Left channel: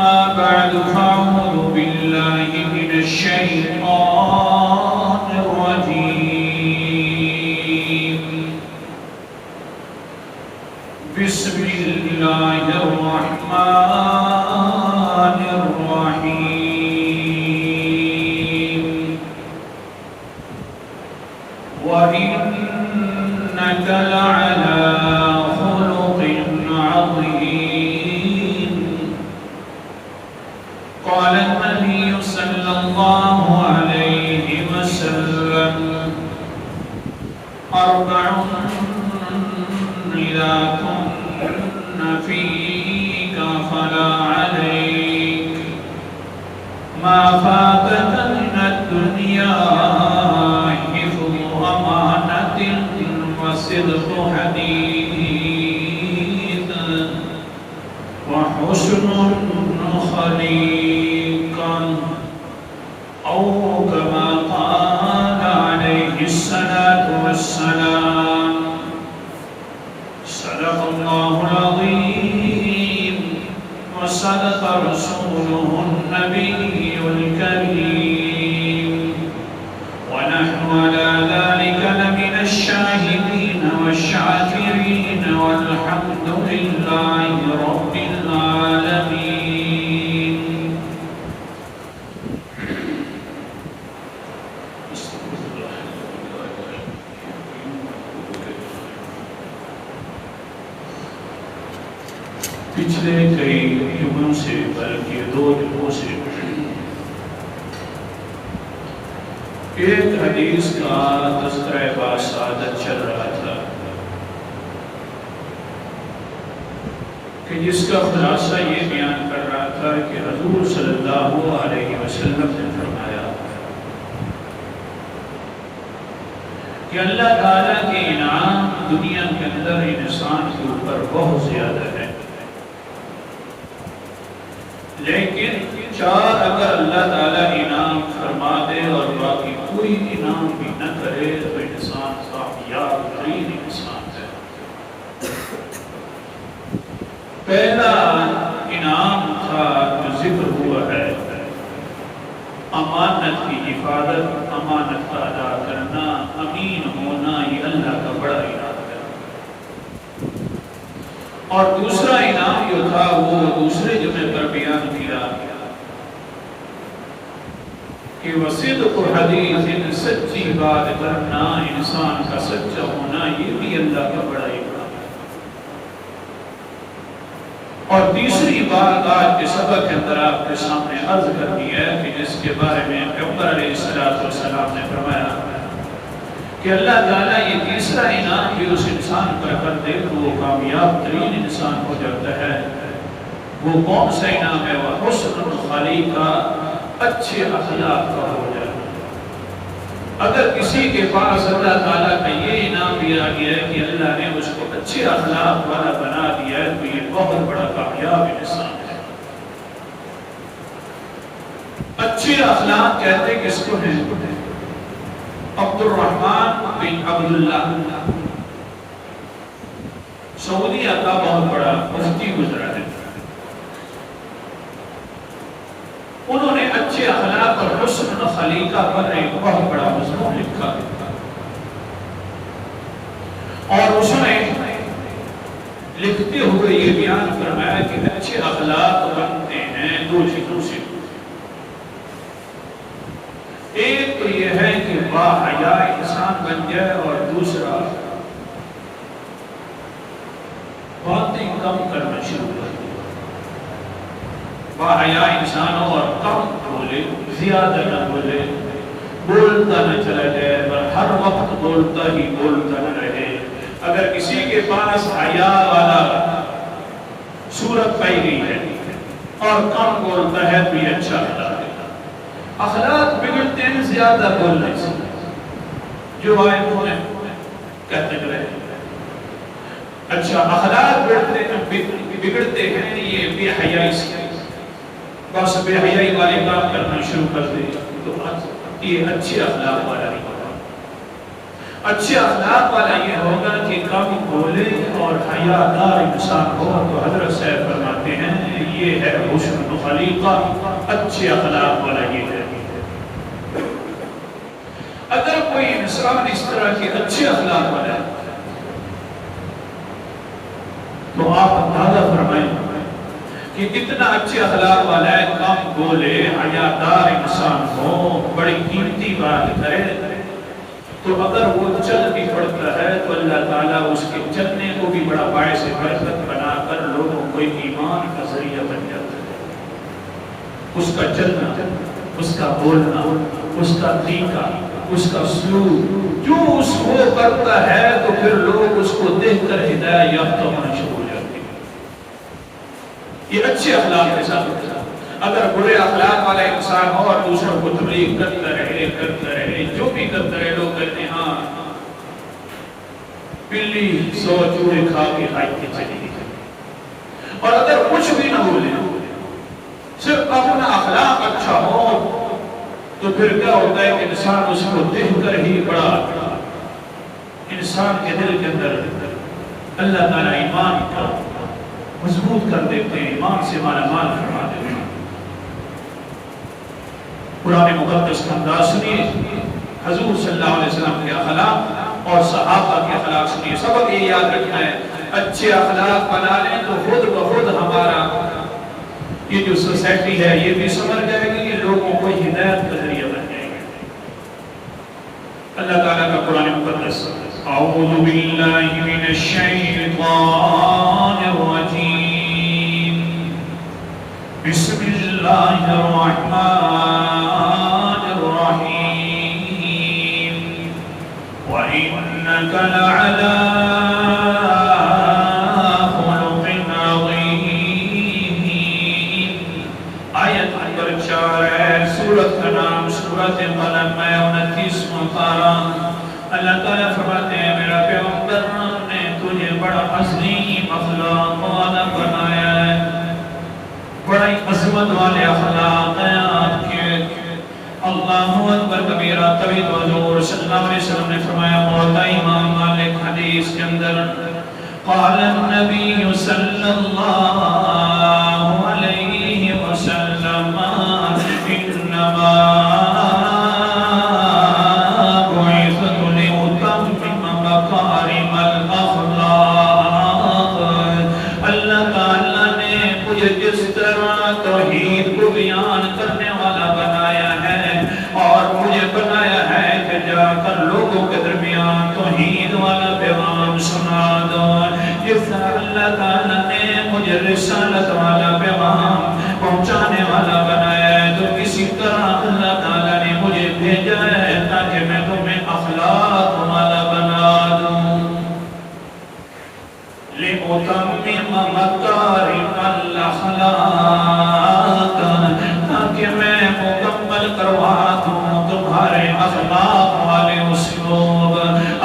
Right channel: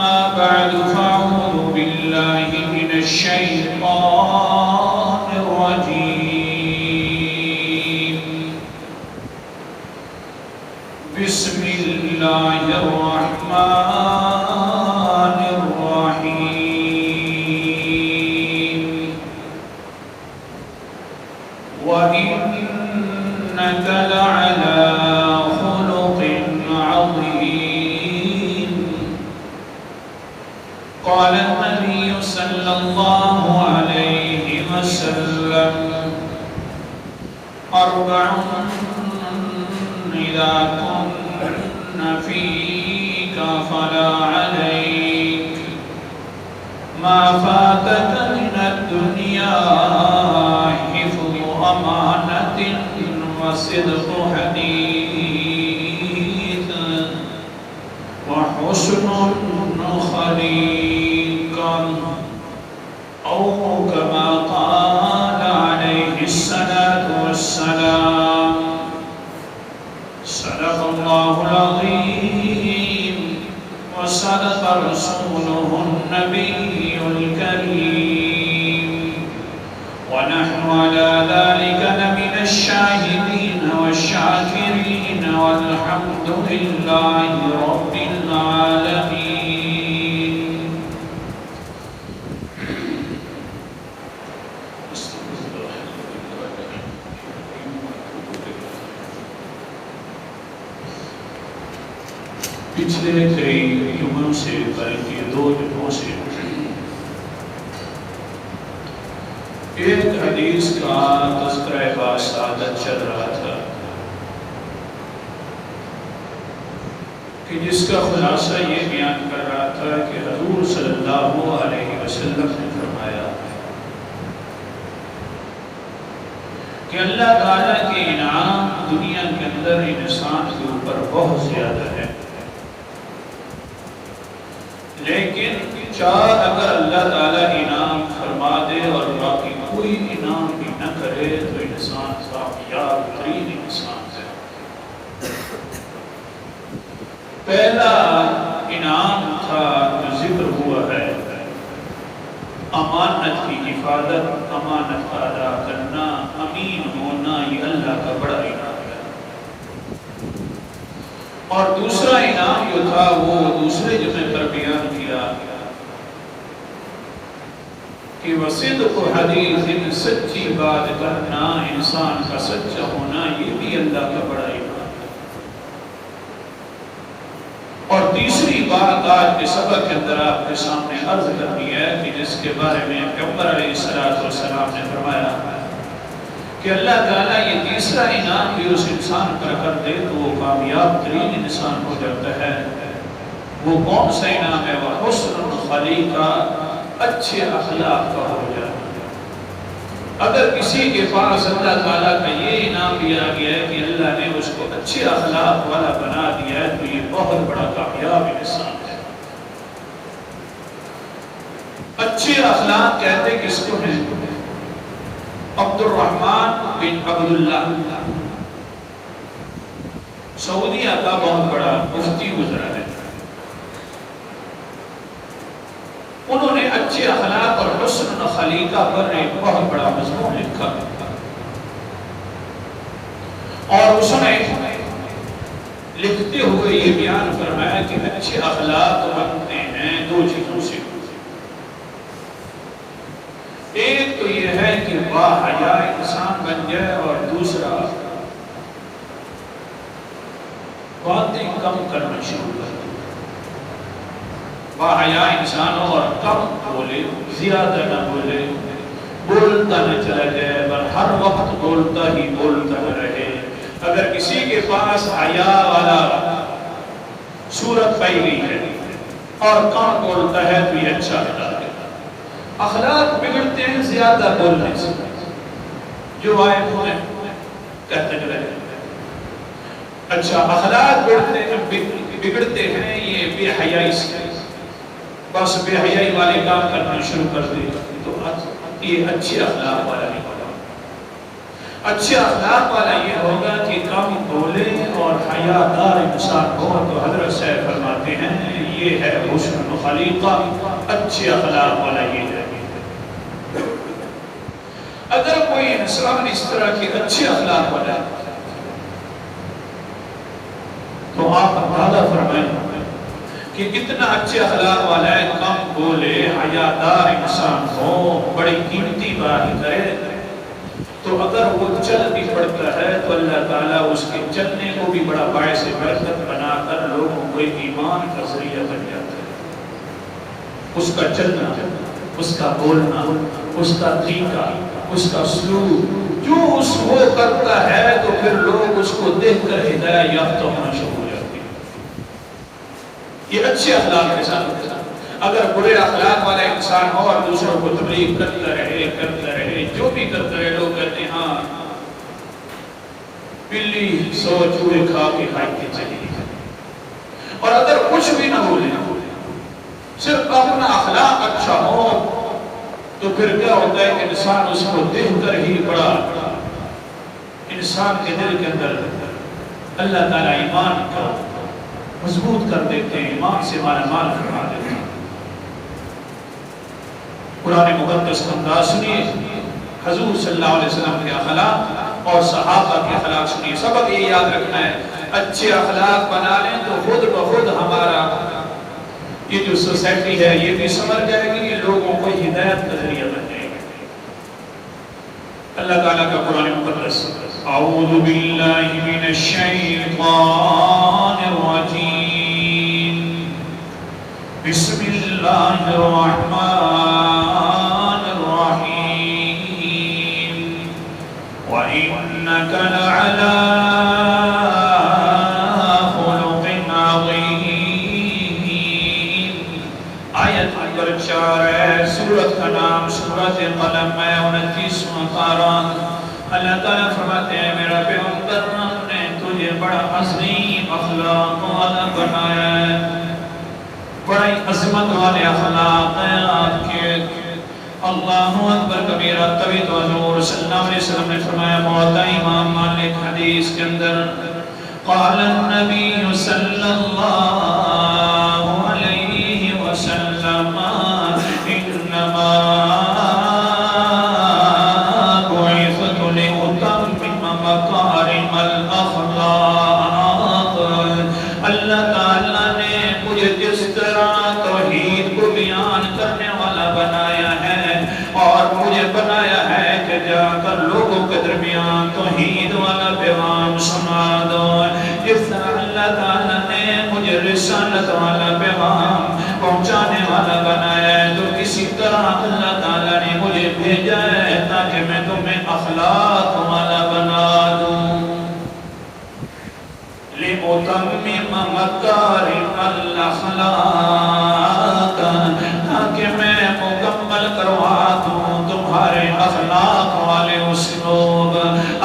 أما بعد فأعوذ بالله من الشيطان الرجيم بسم الله الرحمن الرحيم وإنك لعلى خلق عظيم قال النبي صلى الله عليه وسلم أربع إذا كن فيك فلا عليك ما فاتك من الدنيا حفظ أمانة وصدق حديث وحسن خليقا أو كما قال عليه الصلاة والسلام صدق الله العظيم وصدق رسوله النبي الكريم ونحن على ذلك لمن الشاهدين والشاكرين والحمد لله رب العالمين. پچھلے کئی جمعوں سے بلکہ 2 جمعوں سے ایک حدیث کا تذکرہ باسعادت چل رہا تھا کہ جس کا خلاصہ یہ بیان کر رہا تھا کہ حضور صلی اللہ علیہ وسلم نے فرمایا کہ اللہ تعالیٰ کے انعام دنیا کے اندر انسان کے اوپر بہت زیادہ ہے، لیکن چاہ اگر اللہ تعالیٰ انعام فرما دے اور باقی کوئی انعام بھی نہ کرے تو انسان کامیاب ترین انسان ہے۔ پہلا انعام تھا جو ذکر ہوا ہے امانت کی حفاظت، امانت کا ادا کرنا، امین ہونا، یہ اللہ کا بڑا انعام ہے۔ اور دوسرا انعام جو تھا وہ دوسرے جملے پر بیان کیا کہ وصدق حدیث، سچی بات کرنا، انسان کا سچا ہونا، یہ بھی اللہ کا بڑا انعام ہے۔ اور تیسری بات آج کے سبق کے اندر آپ کے سامنے عرض کرنی ہے کہ جس کے بارے میں پیغمبر علیہ السلام نے فرمایا کہ اللہ تعالیٰ یہ تیسرا انعام بھی اس انسان پر کر دے تو وہ کامیاب ترین انسان ہو جاتا ہے۔ وہ کون سا انعام ہے؟ وہ حسن خلیقہ، اچھے اخلاق کا ہو جائے۔ اگر کسی کے پاس اللہ تعالیٰ کا یہ انعام دیا گیا ہے کہ اللہ نے اس کو اچھے اخلاق والا بنا دیا ہے تو یہ بہت بڑا کامیاب انسان ہے۔ اچھے اخلاق کہتے کس کو ہیں؟ عبد الرحمن بن عبداللہ سعودیہ کا بہت بڑا مفتی گزرا ہے۔ انہوں نے اچھے اخلاق اور حسن خلیقہ پر ایک بہت بڑا مضمون لکھا اور اس نے لکھتے ہوئے یہ بیان فرمایا کہ اچھے اخلاق بنتے ہیں 2 چیزوں سے۔ ایک تو یہ ہے کہ باحیا انسان بن جائے اور دوسرا باتیں کم کرنا شروع کر دے۔ باحیا انسان ہو اور کم بولے، زیادہ نہ بولے، بولتا نہ چلا جائے اور ہر وقت بولتا ہی بولتا نہ رہے۔ اگر کسی کے پاس حیا والا صورت پائی گئی ہے اور کم بولتا ہے تو یہ اچھا اخلاق ہے۔ اخلاق بگڑتے ہیں زیادہ بولنے سے، جو آئے ہوئے کہتے رہے۔ اچھا اخلاق بگڑتے ہیں یہ بے حیائی سے، بس بے حیائی والے کام کرنا شروع کر دے تو یہ اچھے اخلاق والا نہیں ہوگا۔ اچھے اخلاق والا یہ ہوگا کہ کم بولے اور حیادار انسان ہو. تو حضرت صاحب فرماتے ہیں یہ ہے حسن الخلیقہ، اچھے اخلاق والا یہ ہے. اگر کوئی انسان اس طرح کے اچھے اخلاق والا ہے تو آپ اندازہ فرمائیں کہ کتنا اچھے اخلاق والا ہے. کم بولے، حیادار انسان ہو، بڑی قیمتی بات کرے، تو اگر وہ چل بھی پڑتا ہے تو اللہ تعالیٰ اس کے چلنے کو بھی بڑا باعث برکت بنا کر لوگوں کو ایمان کا ذریعہ بن جاتا ہے. اس کا چلنا، اس کا بولنا، اس کا طریقہ، اس کا سلوک جو اس کو کرتا ہے تو پھر لوگ اس کو دیکھ کر ہدایت یافتہ ہونا شروع ہو جاتے ہیں. یہ اچھے اخلاق کے ساتھ ہوتا ہے. اگر برے اخلاق والا انسان ہو اور دوسروں کو تبلیغ کرتا رہے جو بھی کرتا رہے، لوگ کہتے ہیں ہاں بلی 100 چوڑے کھا کے کھائی کے چلی گئی. اور اگر کچھ بھی نہ بولے، صرف اپنا اخلاق اچھا ہو، تو پھر کیا ہوتا ہے کہ انسان اس کو دیکھ کر ہی بڑا انسان کے دل کے اندر اللہ تعالیٰ ایمان کا مضبوط کر دیتے ہیں، ایمان سے مالا مال فرما دیتے ہیں. قرآن مقدس کا انداز سنیے، حضور صلی اللہ علیہ وسلم کے اخلاق اور صحابہ کے اخلاق سنیے. سبق یہ یاد رکھنا ہے، اچھے اخلاق بنا لیں تو خود بخود ہمارا یہ جو سوسائٹی ہے یہ بھی سمجھ جائے گی، یہ لوگوں کو ہدایت کا ذریعہ بن جائے گا. اللہ تعالیٰ کا قرآن مقدس اعوذ باللہ من الشیطان الرجیم بسم اللہ الرحمن الرحیم وَإِنَّكَ لَعَلَىٰ خُلُقٍ عَظِيمٍ. آیت نمبر 4 ہے. سورت کا نام سورت قلم ہے، 29واں پارہ. اللہ تعالیٰ فرماتے ہیں میرا پیغمبر نے تجھے بڑا عظیم اخلاق والا بنایا ہے، بڑی عظمت والے اخلاق ہیں آپ کے. اللہ اکبر کبیرہ. تبھی تو حضور صلی اللہ علیہ وسلم نے فرمایا، مولا امام مالک حدیث کے اندر قال النبی صلی اللہ علیہ وسلم انما بعثت لأتمم مکارم الاخلاق. اللہ تعالیٰ نے مجھے جس طرح توحید کو بیان کرنے والا بنایا ہے اور مجھے بنایا ہے کہ جا کر لوگوں کے درمیان توحید والا پیغام سنا دو. جس طرح اللہ تعالیٰ نے مجھے رسالت والا پیغام پہنچانے والا بنایا ہے، تو کسی طرح اللہ تعالیٰ نے مجھے بھیجا ہے تاکہ میں تمہیں اخلاق والا بنا دوں. لِأُتَمِّمَ مَكَارِمَ الْأَخْلَاقِ، تاکہ میں مکمل کروا دوں تمہارے اخلاق والے اسلوب،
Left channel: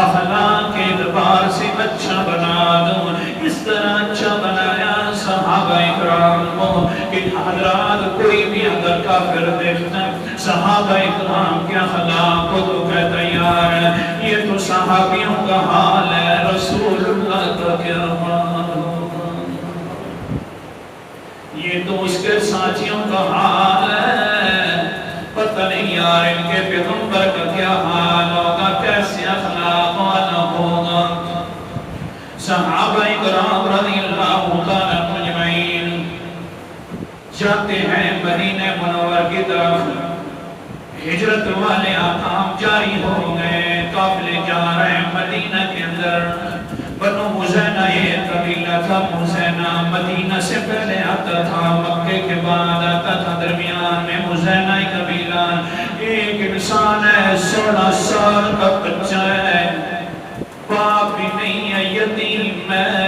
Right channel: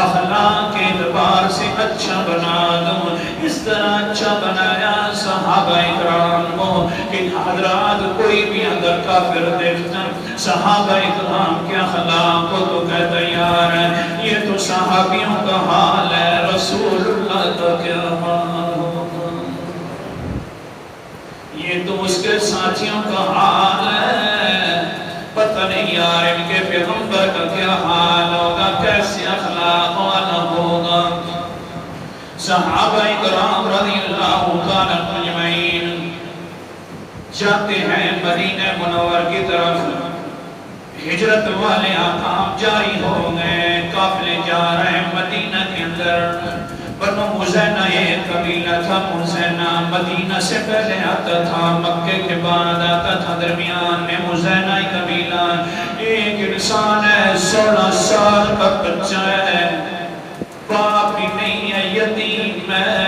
اخلاق کے اعتبار سے اچھا بنا دوں. اس طرح اچھا بنایا صحابہ اکرام کو کہ حضرات کوئی بھی اگر کافر دیکھتا صحابہ اکرام کے اخلاق کو تو کہتا یار یہ تو صحابیوں کا حال ہے، رسول اللہ کا کیا حال ہوگا، یہ تو اس کے ساتھیوں کا حال ہے، پتہ نہیں یار ان کے پیغمبر کا کیا حال ہوگا، کیسے اخلاق والا ہوگا. صحابہ اکرام رضی اللہ تعالیٰ اجمعین جاتے ہیں مدینہ منور کی طرف. ہجرت والے احکام جاری ہو گئے، قافلے جا رہے ہیں مدینہ کے اندر. بنو مزینہ یہ قبیلہ تھا. مزینہ مدینہ سے پہلے آتا تھا، مکے کے بعد آتا تھا. درمیان میں مزینہ قبیلہ. ایک انسان ہے 16 سال کا بچہ ہے، باپ بھی نہیں ہے، یتیم ہے،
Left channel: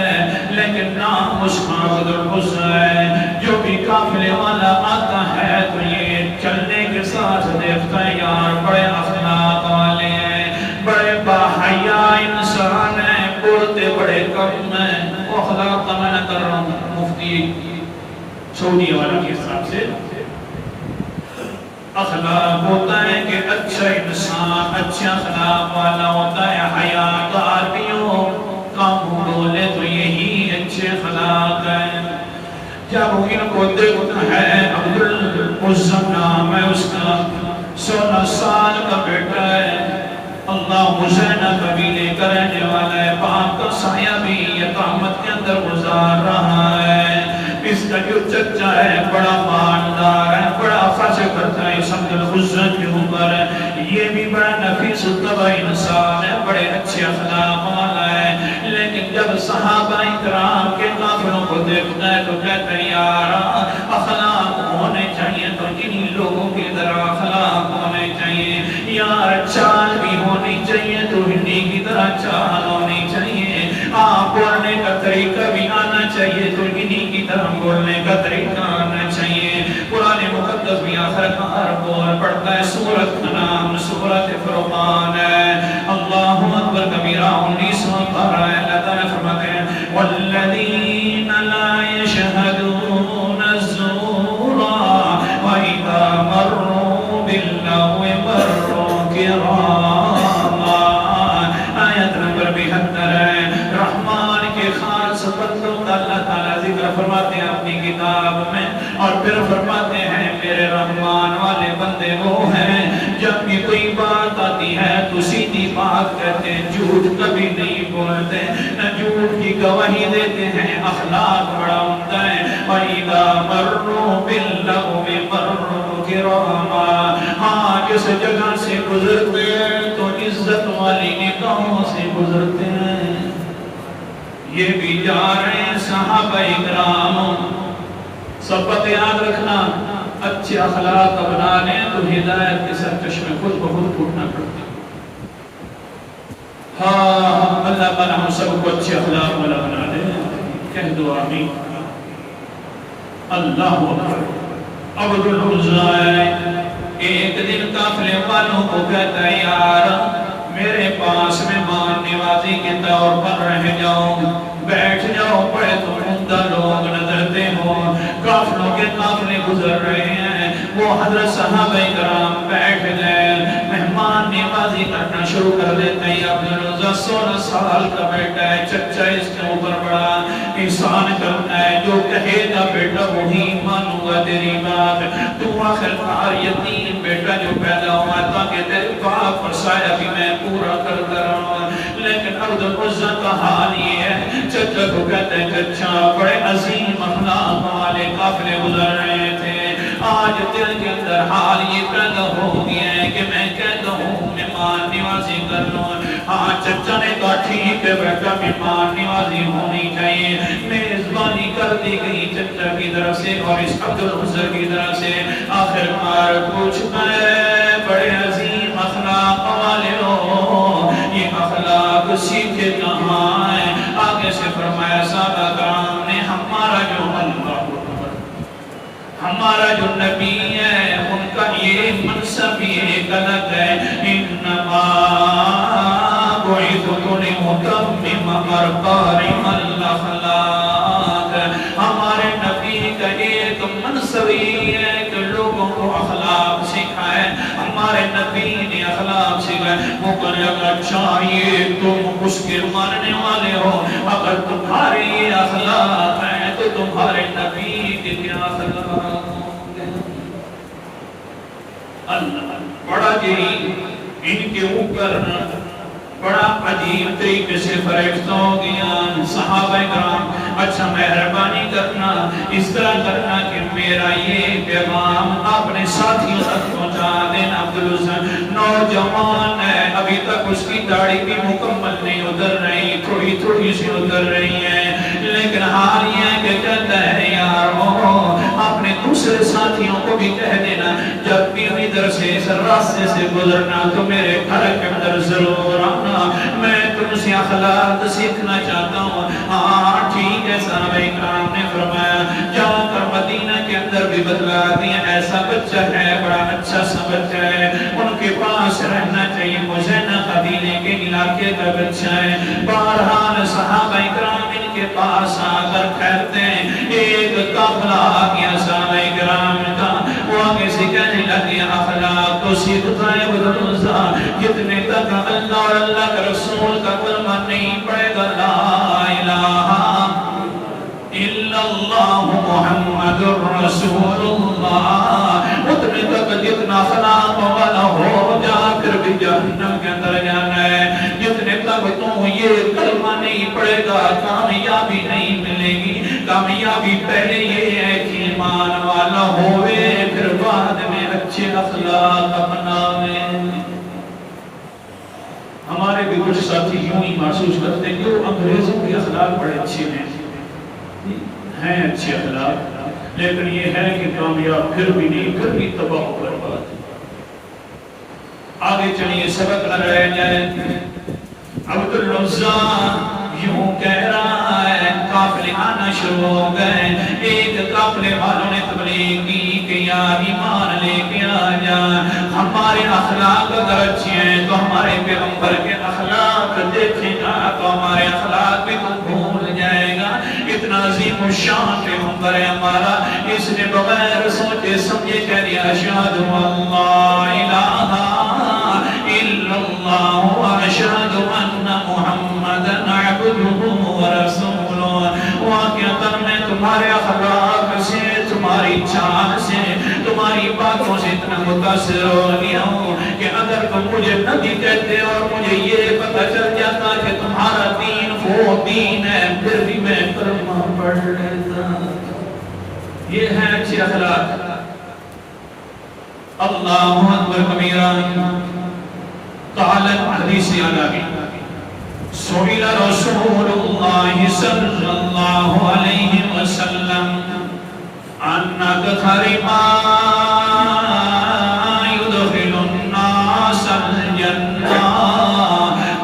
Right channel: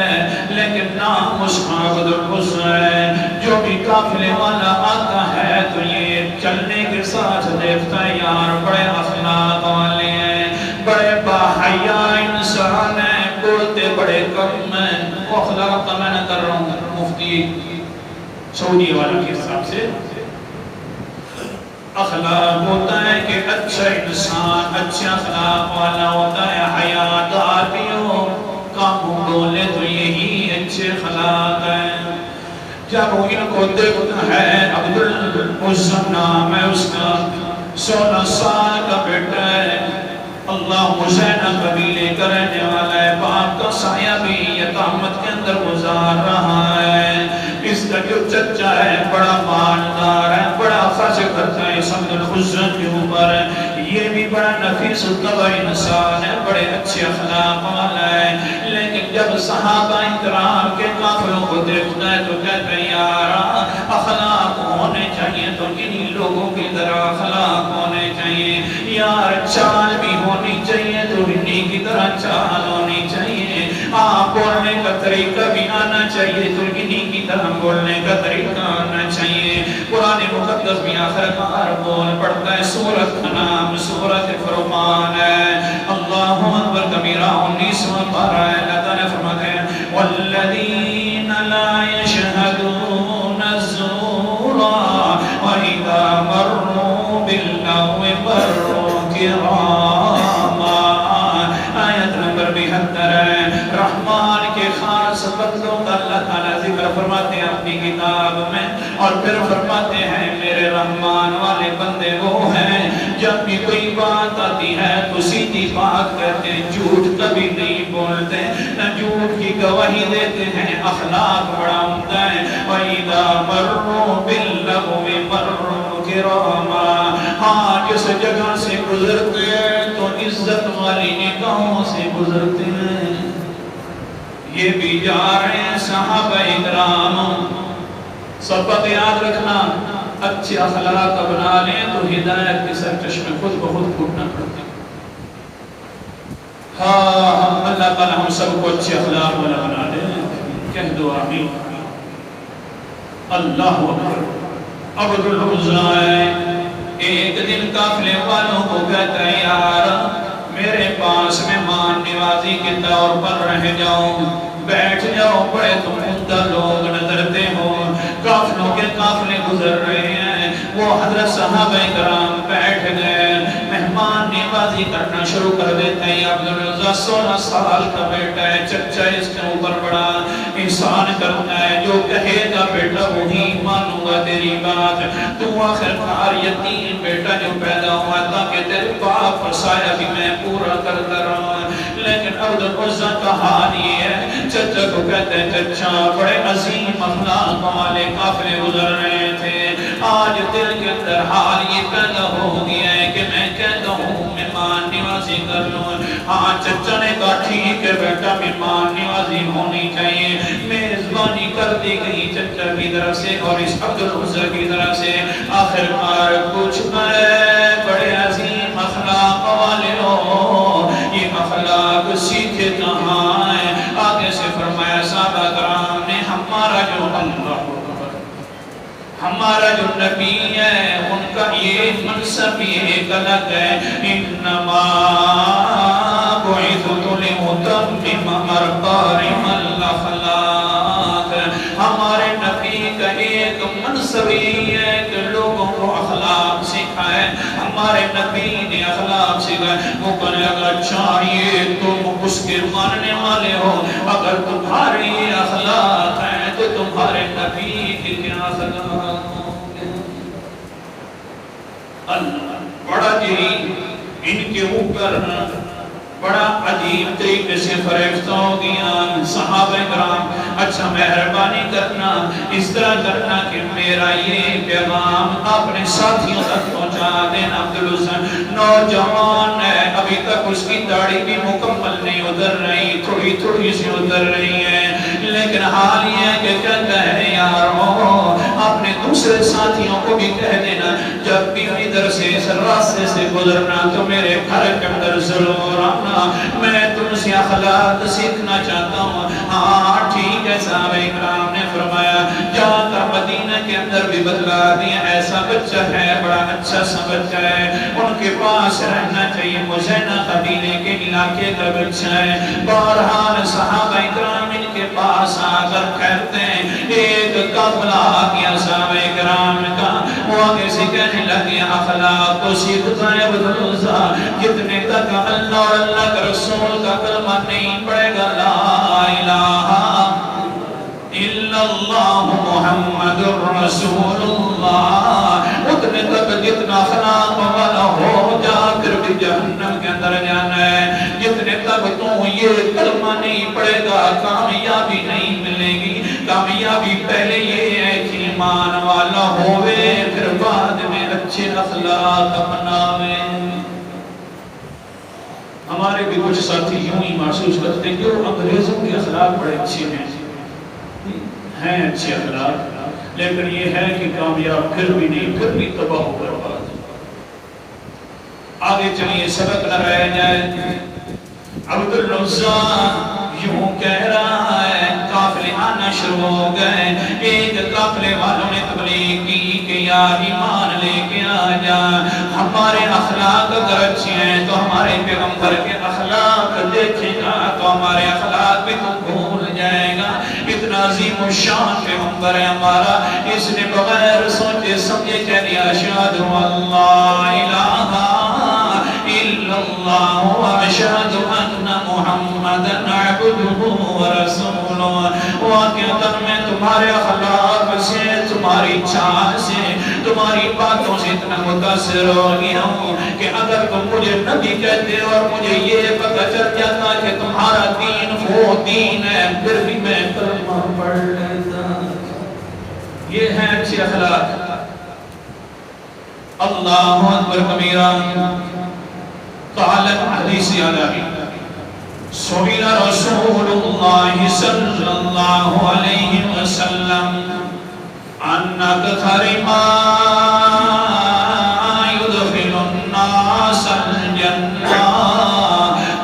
لیکن نام اس کا عبد الحسین. جو بھی قافلے والا آتا ہے تو یہ چلنے کے ساتھ دیکھتا ہے یار بڑے اخلاق والے ہیں، بڑے باحیا انسان ہیں، بولتے بڑے کم ہیں. اخلاق کا میں نہ کر رہا ہوں، مفتی سعودی والوں کے حساب سے اخلاق ہوتا ہے کہ اچھا انسان اچھا اخلاق والا ہوتا ہے، کو دیکھتا ہے، عبدالعزم نام ہے اس کا، 16 سال کا بیٹا ہے، اللہ مزینہ قبیلے کا رہنے والا ہے، باپ کا سایہ بھی یتامت کے اندر گزار رہا ہے۔ اس کا جو چچا ہے بڑا مالدار ہے، بڑا خرچ کرتا ہے اس عبدالعزم کے اوپر، یہ بھی بڑا نفیس الطبع انسان ہے، بڑے اچھے اخلاق والا ہے، لیکن جب صحابہ اکرام کے قافلوں کو دیکھتا ہے تو کہتا ہے یار اخلاق ہونے چاہیے تو انہی لوگوں کی طرح اخلاق ہونے چاہیے، یار چال بھی ہونی چاہیے تو انہی کی طرح چال ہونی چاہیے، بولنے کا طریقہ بھی آنا چاہیے تو انہی کی طرح بولنے کا طریقہ آنا چاہیے۔ قرآن مقدس بھی آخر کار بول پڑھتا ہے، سورت کا نام سورت فرقان ہے، اللہ اکبر کبیرہ 19 پارہ ہے، اللہ تعالیٰ فرماتے ہیں والذین لا یشہدون الزور وَإِذَا مَرُّوا بِاللَّغْوِ مَرُّوا كِرَامًا۔ آیت نمبر 72 ہے، رحمان کے خاص بندوں کا اللہ تعالیٰ ذکر فرماتے ہیں اپنی کتاب میں، اور پھر فرماتے ہیں میرے رحمان والے بندے وہ ہیں جب بھی کوئی بات آتی ہے تو سیدھی بات کہتے ہیں، جھوٹ کبھی نہیں بولتے، نہ جھوٹ کی گواہی دیتے ہیں، اخلاق بڑا عمدہ ہے۔ وَإِذَا مَرُّوا بِاللَّغْوِ مَرُّوا كِرَامًا، ہاں جس جگہ سے گزرتے ہیں تو عزت والی نگاہوں سے گزرتے ہیں۔ یہ بھی جا رہے ہیں صحابہ اکرام، سبق یاد رکھنا، اچھے اخلاق بنا لیں تو ہدایت کے سر چشمے خود بخود پھوٹنا پڑتے ہیں۔ ہاں اللہ تعالیٰ ہم سب کو اچھے اخلاق والا بنا دے، کہہ دو آمین۔ اللہ اکبر۔ عبدالعزم ایک دن قافلے والوں کو کہتا ہے یار میرے پاس مہمان نوازی کے طور پر رہ جاؤ، بیٹھ جاؤ، بڑے تم عمدہ لوگ نظرتے ہو، قافلوں کے قافلے گزر رہے ہیں، وہ حضرت صحابہ کرام بیٹھ گئے، مہمان نوازی کرنا شروع کر دیتے ہیں۔ عبدالعزم 16 سال کا بیٹا ہے، چچا اس کے اوپر بڑا احسان کرتا ہے، جو کہے گا بیٹا وہی مانوں گا تیری بات، تو آخر کار یتیم بیٹا جو پیدا ہوا تاکہ تیرے باپ کا سایہ بھی میں پورا کرتا رہا۔ لیکن عبدالعزم کا حال یہ ہے، چچا کو کہتے ہیں چچا بڑے عظیم اخلاق والے قافلے گزر رہے تھے، آج دل کے اندر حال یہ پیدا ہو گیا ہے کہ میں کہتا ہوں مہمان نوازی کر لوں۔ ہاں چچا نے کہا ٹھیک ہے بیٹا مہمان نوازی ہونی چاہیے، میزبانی کر دی گئی چچا کی طرف سے اور اس عبدالعزم کی طرف سے۔ آخر کار پوچھتا ہے بڑے عظیم اخلاق والے ہو، یہ اخلاق سیکھے کہاں ہیں؟ آگے سے فرمایا صحابہ کرام نے ہمارا جو نبی ہے ان کا یہ منصب ایک الگ ہے، انما بعثت لأتمم مکارم الاخلاق، ہمارے نبی کا ایک منصب یہ ہے کہ لوگوں کو اخلاق سکھائے، ہمارے نبی نے اخلاق سکھائے۔ وہ بولے اگر چاہیے تم اس کے ماننے والے ہو، اگر تمہارے یہ اخلاق ہیں تو تمہارے نبی کے کیا اخلاق ہوں گے؟ اللہ بڑا جی ان کے اوپر بڑا عجیب طریقے سے فریفتہ ہو گیا۔ صحابہ کرام اچھا مہربانی کرنا، اس طرح کرنا کہ میرا یہ پیغام اپنے ساتھیوں تک پہنچا دینا۔ عبدالعزم نوجوان ہے، ابھی تک اس کی داڑھی بھی مکمل نہیں ادھر رہی، تھوڑی تھوڑی سی ادھر رہی ہے، لیکن حال یہ ہے کہ کہتا ہے یارو اپنے دوسرے ساتھیوں کو بھی کہہ دینا جب بھی ادھر سے اس راستے سے گزرنا تو میرے گھر کے اندر ضرور آنا، میں تم سے اخلاق سیکھنا چاہتا ہوں۔ ہاں ٹھیک ہے، صحابہ کرام نے فرمایا جا کر مدینہ کے اندر بھی بتلا دیا ایسا بچہ ہے، بڑا اچھا سا بچہ ہے، ان کے پاس رہنا چاہیے، مزینہ قبیلے کے علاقے کا بچہ ہے۔ بہرحال صحابہ کرام ان کے پاس آ کر کہتے ہیں ایک قافلہ آ گیا صحابہ کرام کا، وہ آگے سے کہنے لگے اخلاق کو سیکھتا ہے عبدالعزم، کتنے تک اللہ اور اللہ کے رسول کا کلمہ نہیں پڑے گا لا الہ الا اللہ محمد رسول اللہ، اتنے تک جتنا اخلاق والا ہو جا کر بھی جہنم کے اندر جانا ہے، جتنے تک تو یہ کلمہ نہیں پڑے گا کامیابی نہیں ملے گی۔ کامیابی پہلے یہ ہے کہ ایمان والا ہوئے، پھر بعد میں اچھے اخلاق اپناوے۔ ہمارے بھی کچھ ساتھی یوں ہی محسوس کرتے ہیں کہ وہ انگریزوں کے اخلاق بڑے اچھے ہیں اچھے اخلاق، لیکن یہ ہے کہ کامیاب پھر بھی نہیں، پھر بھی تباہ و برباد۔ آگے چلیے سبق نہ رہ جائے۔ عبد العزیٰ یوں کہہ رہا ہے، قافلے آنا شروع ہو گئے، ایک قافلے والوں نے تبلیغ کی کہ یا ایمان لے کے آ جا، ہمارے اخلاق اگر اچھے ہیں تو ہمارے پیغمبر کے اخلاق دیکھے گا تو ہمارے اخلاق بھی تو بھول جائے گا۔ اتنا عظیم و شان پیغمبر ہے ہمارا، اس نے بغیر سوچے سمجھے کہہ دیا اشہد ان لا الہ الا اللہ واشہد ان محمدًا عبدہ ورسولہ۔ واقعتاً میں تمہارے اخلاق سے، تمہاری چال سے، تمہاری باتوں سے اتنا متاثر ہو گیا ہوں کہ اگر تم مجھے نبی کہتے اور مجھے یہ پتہ چل جاتا کہ تمہارا دین وہ دین ہے، پھر بھی میں کلمہ پڑھ لیتا۔ یہ ہے اچھے اخلاق۔ اللہ اکبر کبیرہ۔ قالت حدیث علی سئل رسول اللہ صلی اللہ علیہ وسلم عن اکثر ما يدخل الناس الجنہ،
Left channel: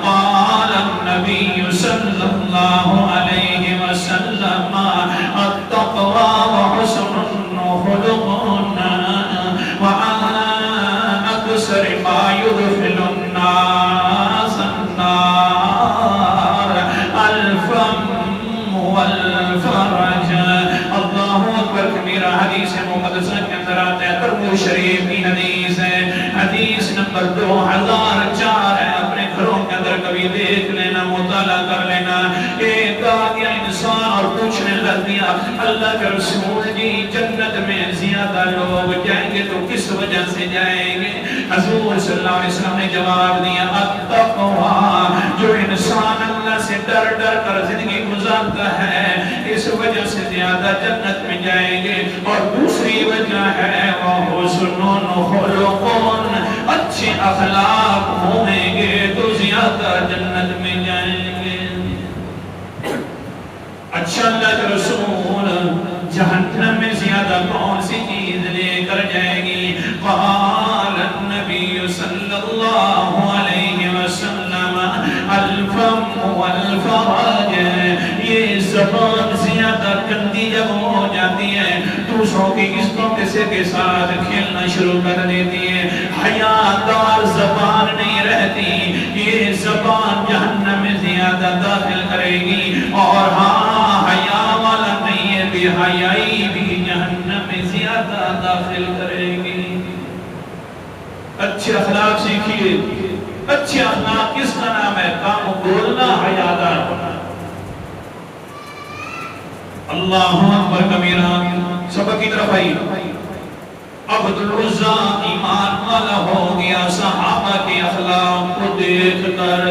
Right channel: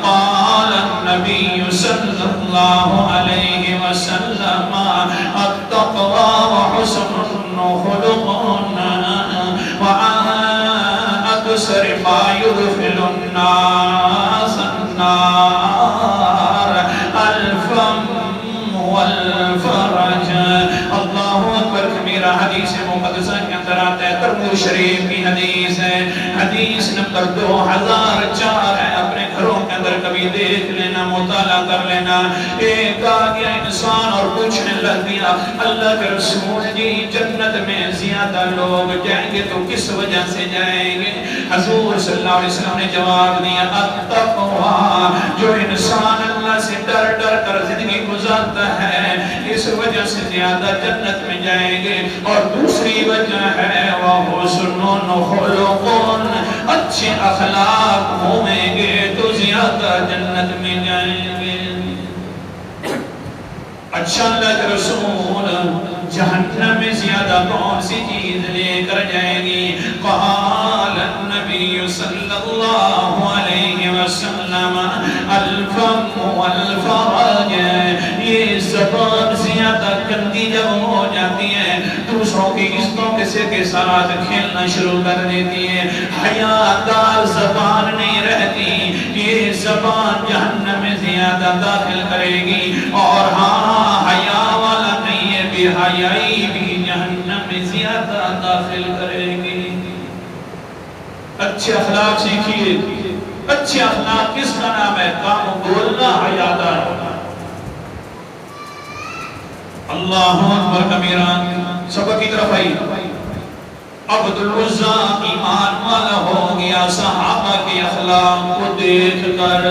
قال النبی صلی اللہ علیہ وسلم التقوى وحسن خلق، وعن اکثر ما يدخل الناس النار الفم والفرج۔ اللہ اکبر کبیرہ۔ حدیث مقدسہ کے اندر آتا ہے، ترمذی شریف کی حدیث ہے، حدیث نمبر 2004 ہے۔ اپنے گھروں کے اندر کبھی دیکھ لینا، مطالعہ کر لینا۔ ایک آدمی انسان اور پوچھنے لگ گیا، اللہ کے رسول جی جنت میں زیادہ لوگ جائیں گے تو کس وجہ سے جائیں گے؟ حضور صلی اللہ علیہ وسلم نے جواب دیا التقویٰ، جو انسان اللہ سے ڈر ڈر کر زندگی گزارتا ہے اس وجہ سے زیادہ جنت میں جائیں گے، اور دوسری وجہ ہے وحسن خلق، اچھے اخلاق ہوں گے تو زیادہ جنت میں جائیں گے۔ اچھا اللہ کے رسول جہنم میں زیادہ کون سی چیز لے کر جائے گی؟ قال النبی صلی اللہ علیہ وسلم الفم والفرج، یہ زبان زیادہ گندی جب ہو جاتی ہے، دوسروں کی عزتوں کے ساتھ کھیلنا شروع کر دیتی ہے، حیادار زبان نہیں رہتی، یہ زبان جہنم میں زیادہ داخل کرے گی۔ اور ہاں حیا والا نہیں ہے، بے حیائی بھی جہنم میں زیادہ داخل کرے گی۔ اچھے اخلاق سیکھیے۔ اچھے اخلاق کس کا نام ہے؟ کام بولنا حیادار ہونا۔ اللہ اکبر کبیرہ۔ سبق کی طرف آئی۔ عبد العزیٰ ایمان والا ہو گیا صحابہ کے اخلاق کو دیکھ کر۔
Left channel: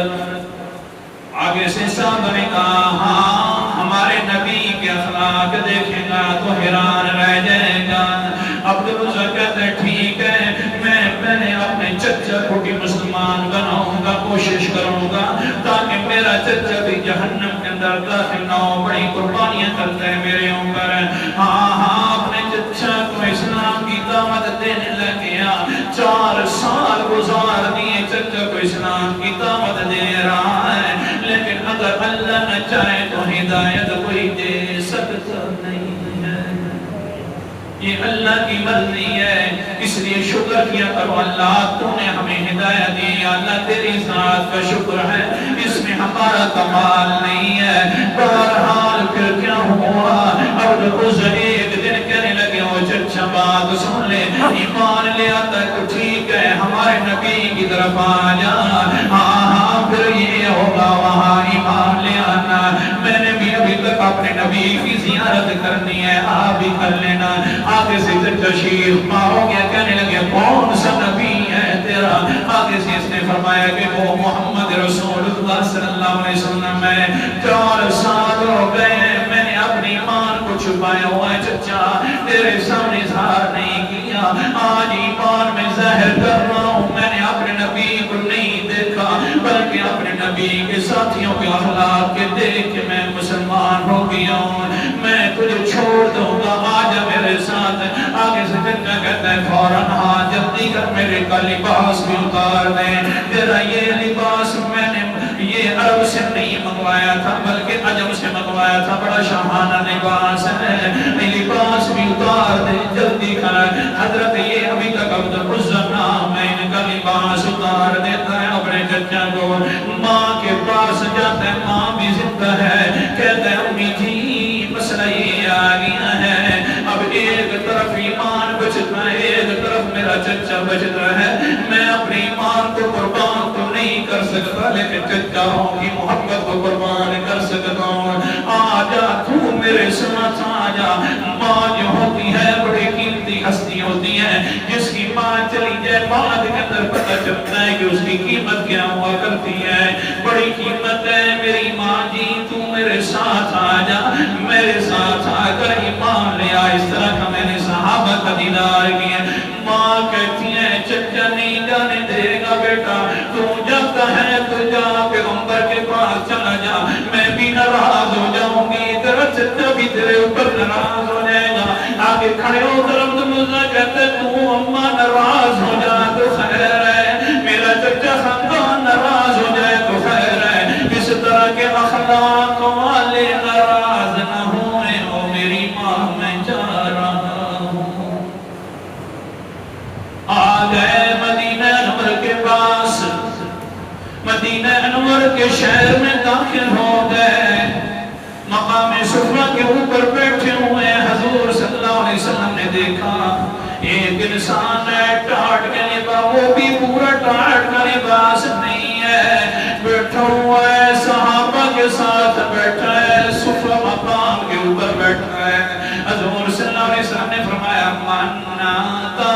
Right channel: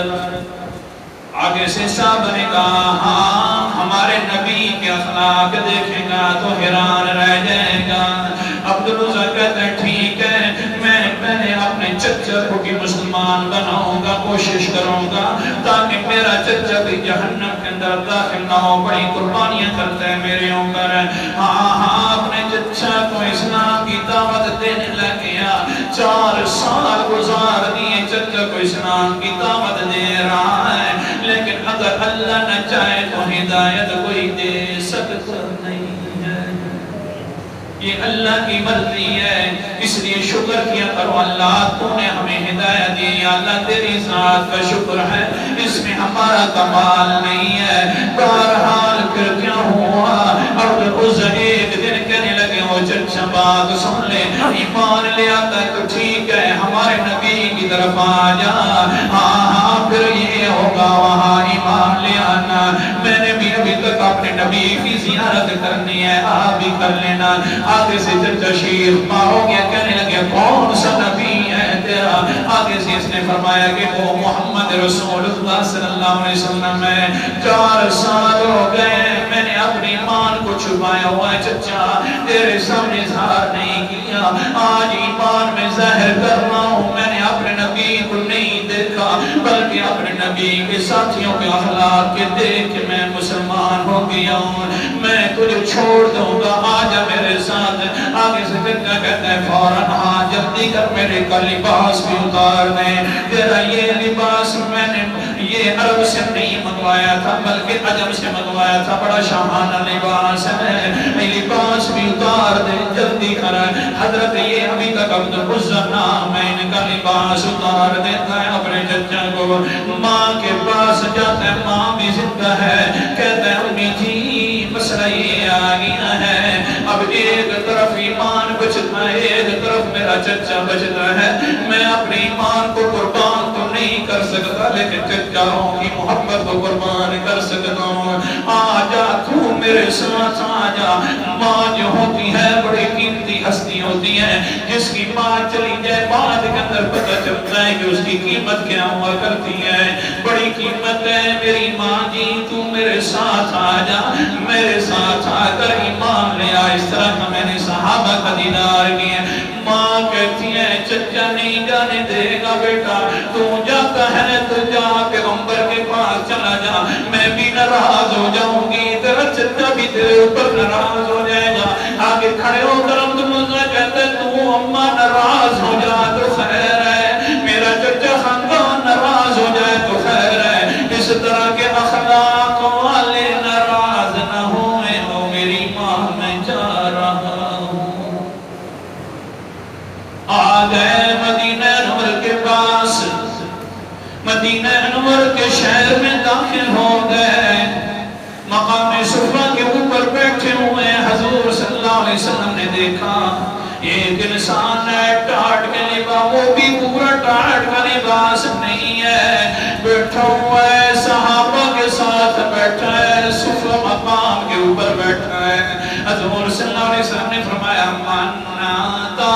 آگے سے صحابہ نے کہا ہاں ہمارے نبی کے اخلاق دیکھے گا تو حیران رہ جائے گا۔ عبد العزیٰ کہتے ہیں ٹھیک ہے، میں اپنے چچا کو بھی مسلمان بناؤں گا، کوشش کروں گا تاکہ میرا چچا بھی جہنم کے اندر داخل نہ ہو، بڑی قربانیاں کرتا ہے میرے اوپر۔ ہاں اپنے چچا کو اسلام کی دعوت دینے لگ گیا، 4 سال گزار دیے، چچا کو اسلام کی دعوت دے رہا ہے، لیکن اگر اللہ نہ چاہے تو ہدایت کوئی دے سکتا نہیں ہے، یہ اللہ کی مرضی ہے۔ اس لیے شکر کیا کرو اللہ تو نے ہمیں ہدایت دی، اللہ تیری ذات کا شکر ہے، اس میں ہمارا کمال نہیں ہے۔ بہرحال پھر کیا ہوا؟ عبد العزیٰ ایک دن کہنے لگے ہو چچا بات سن لے، ایمان لے آتا ہے تو ٹھیک ہے، ہمارے نبی کی طرف آ جا، ہاں پھر یہ ہوگا وہاں ایمان لے آنا۔ میں نے بھی ابھی تک اپنے نبی کی زیارت کرنی ہے آپ بھی کر لینا. آگے سے تشریف مارو گیا کہنے لگے کون سا نبی ہے تیرا؟ آگے سے اس نے فرمایا کہ وہ محمد رسول اللہ صلی اللہ علیہ وسلم ہے. 4 سال ہو گئے میں نے اپنی ایمان کو چھپایا ہوا ہے چچا، تیرے سامنے اظہار نہیں کیا. آج ایمان میں ظاہر کر رہا ہوں. میں نے اپنے نبی کو نہیں دیکھا بلکہ اپنے نبی کے ساتھیوں کے اخلاق کے دیکھ کے میں مسلمان ہو گیا ہوں. میں تجھے چھوڑ دوں گا، آجا میرے ساتھ. آگے سے پھر کیا کہتا ہے فوراً آ جلدی کر میرے کا لباس بھی اتار دیں. تیرا یہ لباس میں نے یہ عرب سے نہیں منگوایا تھا بلکہ عجم سے منگوایا تھا. بڑا شاہانہ لباس ہے، لباس بھی اتار دے جلدی کر. حضرت یہ ابھی تک عبد العزہ نام ہے، ان کا لباس اتار دیتا ہے اپنے چچا کو. ماں کے پاس جاتا ہے، ماں بھی زندہ ہے. کہتا ہے امی جی مسئلہ یہ آ گیا ہے، اب ایک طرف ایمان بچتا ہے ایک طرف میرا چچا بچتا ہے. میں اپنی ایمان کو قربان تو نہیں کر سکتا لیکن چچاؤں کی محبت کو قربان کر سکتا ہوں. آجا تو میرے ساتھ آجا. ماں جو ہوتی ہے بڑی قیمتی ہستی ہوتی ہے، جس کی ماں چلی جائے بعد کے اندر پتہ چلتا ہے کہ اس کی قیمت کیا ہوا کرتی ہے. بڑی قیمت ہے میری ماں جی، تو میرے ساتھ آجا، میرے ساتھ آ کر ایمان لے آ. اس طرح کا میں نے صحابہ کا دیدار کیا. ماں کہتی ہے چچا نہیں جانے دے گا بیٹا، تو جاتا ہے تو جا پیغمبر کے پاس چلا جا، میں بھی ناراض ہو جاؤں گی، تیرا چچا بھی تیرے اوپر ناراض ہو جائے گا. آگے کھڑے ہو کر عبد العزہ کہتا ہے تو اماں ناراض ہو جا تو خیر ہے، میرا چچا خاندان ناراض ہو جائے تو خیر ہے. اس طرح کے اخلاق والے ناراض نہ ہوئے ہو میری ماں میں جا رہا ہوں. آ گئے مدینہ انور کے پاس، مدینہ انور کے شہر میں داخل ہو گئے. مقام صفا کے اوپر بیٹھے ہوئے حضور صلی اللہ علیہ وسلم نے دیکھا ایک انسان ہے ٹاٹ کے لباس، وہ بھی پورا ٹاٹ کا لباس نہیں ہے، بیٹھا ہوا ہے صحابہ کے ساتھ بیٹھا ہے، صفا مقام کے اوپر بیٹھا ہے. حضور صلی اللہ علیہ وسلم نے فرمایا مناتا